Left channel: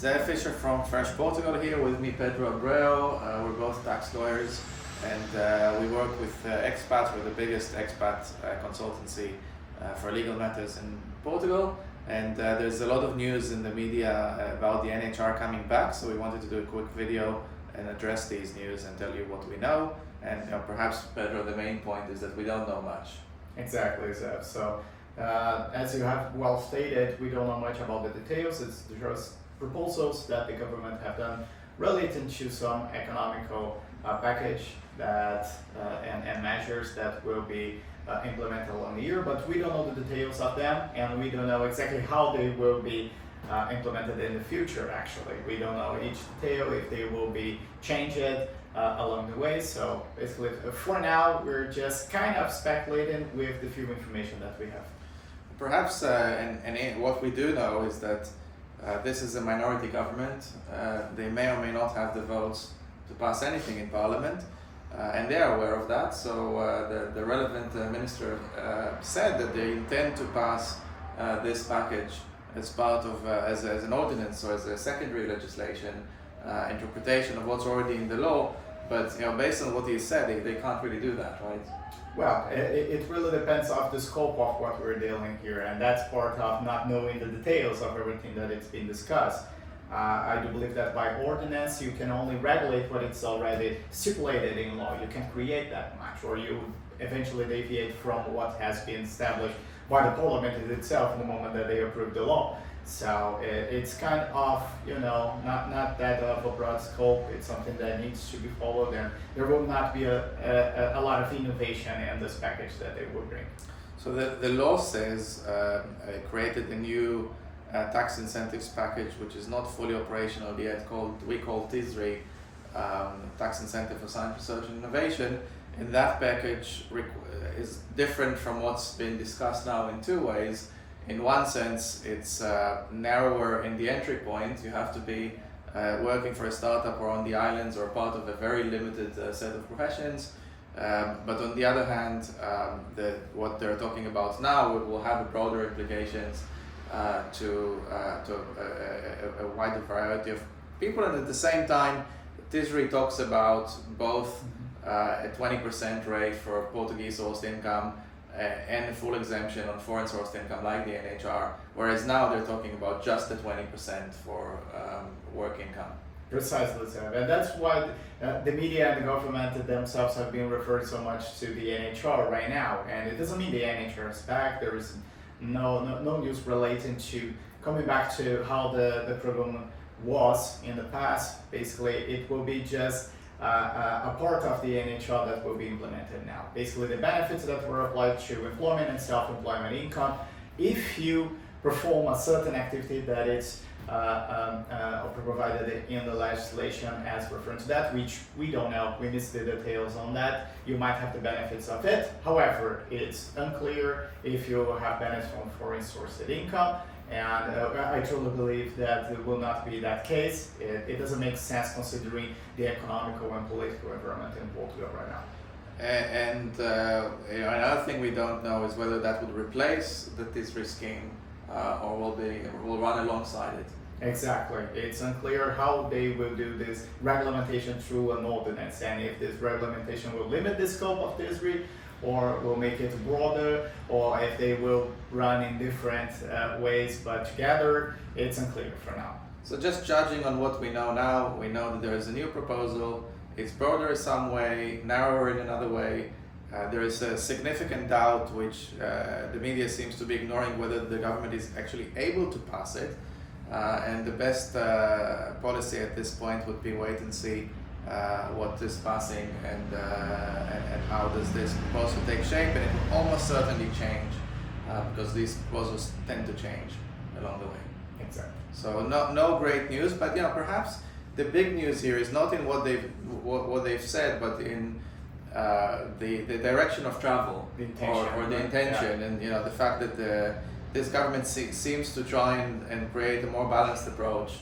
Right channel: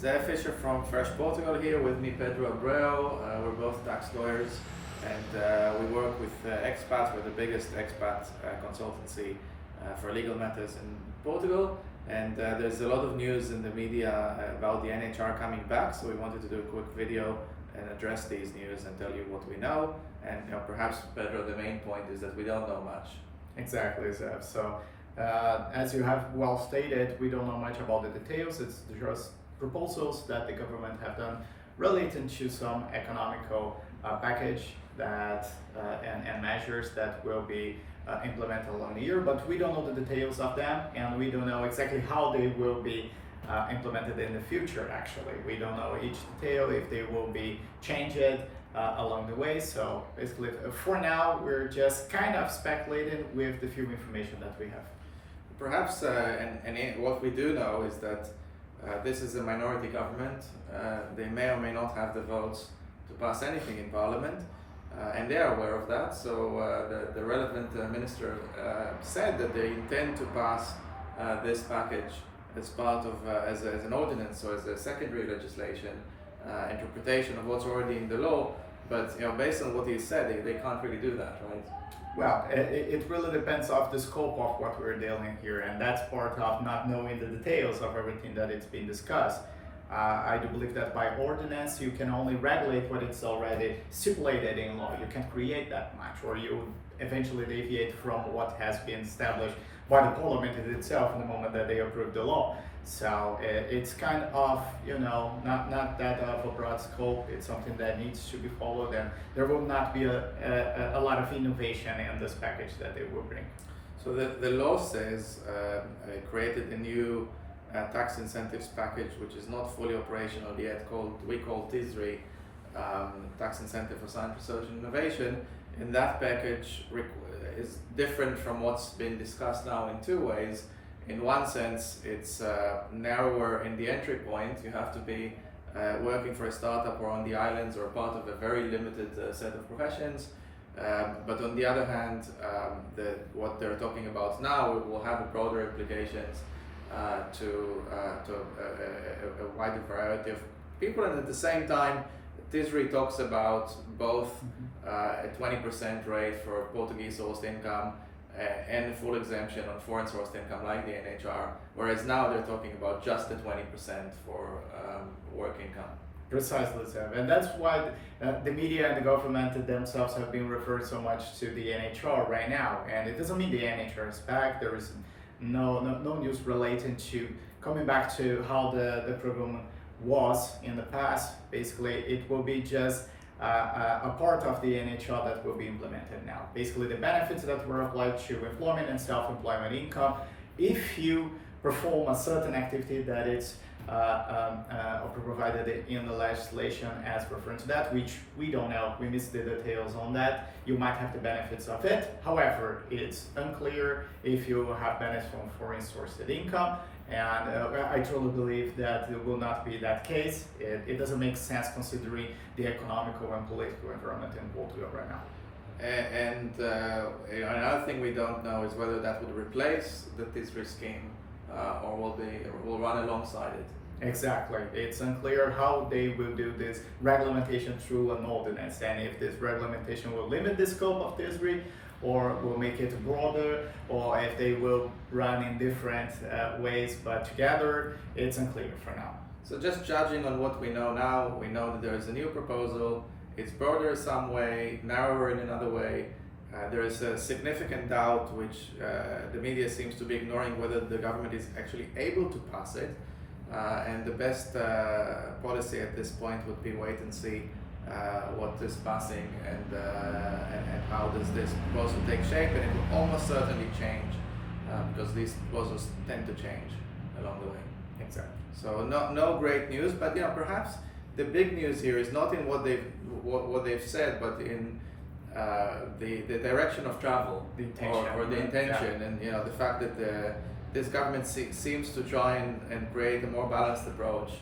Zé Fischer from Fresh Portugal here, with me Pedro Abreu. We're both tax lawyers, and we work with expats. We're the biggest expat consultancy for legal matters in Portugal. And there's a lot of news in the media about the NHR coming back, so we wanted to do a quick video and address these news and tell you what we know. And perhaps, Pedro, the main point is that we don't know much. Exactly, Zev. So, as you have well stated, we don't know much about the details. It's just proposals that the government have done related to some economical package that and measures that will be implemented along the year, but we don't know the details of them, and we don't know exactly how they will be implemented in the future. Actually, we don't know each detail, if they will be changed along the way. So basically, for now, we're just kind of speculating with the few information that we have. Perhaps, and what we do know is that this is a minority government. They may or may not have the votes to pass anything in Parliament, and they are aware of that. So the relevant minister said that they intend to pass this package as part of as an ordinance or as a secondary legislation interpretation of what's already in the law. But based on what he said, they can't really do that, right? Well, it really depends on the scope of what we're dealing here, and that's part of not knowing the details of everything that it's been discussed. I do believe that by ordinance you can only regulate what it's already stipulated in law. You can create that much, or you eventually deviate from what has been established by the parliament itself in the moment that they approve the law. So it's kind of, not that of a broad scope. It's something that needs to be followed, and there will not be a lot of innovation in this package that they will bring. So the law says created a new tax incentives package, which is not fully operational yet, we call TISRI, Tax Incentive for Science, Research and Innovation. And that package is different from what's been discussed now in two ways. In one sense, it's narrower in the entry point. You have to be working for a startup or on the islands or part of a very limited set of professions. But on the other hand, what they're talking about now will have broader implications to a wider variety of people. And at the same time, TISRI talks about both a 20% rate for Portuguese sourced income and a full exemption on foreign sourced income like the NHR, whereas now they're talking about just the 20% for work income. Precisely, sir. And that's why the media and the government themselves have been referred so much to the NHR right now. And it doesn't mean the NHR is back. There is no news relating to coming back to how the program was in the past. Basically, it will be just a part of the NHR that will be implemented now. Basically, the benefits that were applied to employment and self-employment income, if you perform a certain activity that is provided in the legislation as reference to that, which we don't know, we missed the details on that, you might have the benefits of it. However, it's unclear if you have benefits from foreign sourced income, and I truly believe that it will not be that case. It doesn't make sense considering the economical and political environment in Portugal right now. And another thing we don't know is whether that would replace the TISRI scheme or will run alongside it. Exactly. It's unclear how they will do this regulation through an ordinance, and if this regulation will limit the scope of TISRI or will make it broader, or if they will run in different ways, but together, it's unclear for now. So just judging on what we know now, we know that there is a new proposal. It's broader in some way, narrower in another way. There is a significant doubt, which the media seems to be ignoring, whether the government is actually able to pass it. And the best policy at this point would be wait and see what is passing and how does this proposal take shape. And it will almost certainly change because these proposals tend to change along the way. Exactly. So no great news, but perhaps the big news here is not in what they've said, but in the direction of travel, the intention, or the intention, yeah. And the fact that this government seems to try and create a more balanced approach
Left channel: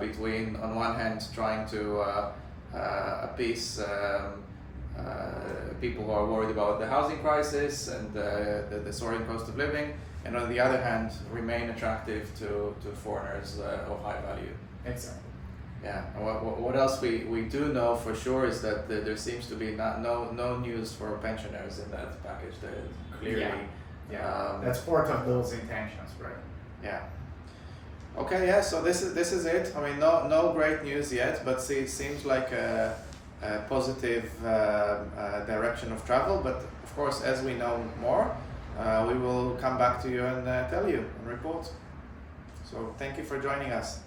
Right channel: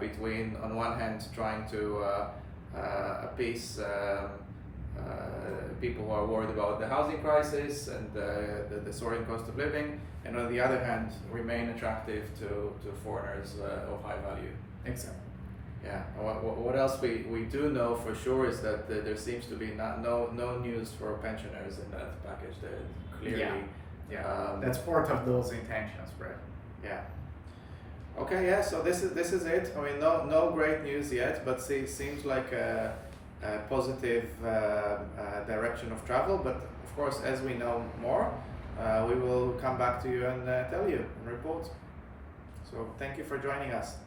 between, on one hand, trying to appease people who are worried about the housing crisis and the soaring cost of living, and on the other hand, remain attractive to foreigners of high value. Exactly. Yeah. And what else we do know for sure is that there seems to be no news for pensioners in that package. That clearly. Yeah. That's part of those intentions, right? Yeah. Okay. Yeah. So this is it. I mean, no great news yet, but it seems like a positive direction of travel. But of course, as we know more, we will come back to you and tell you and report. So thank you for joining us.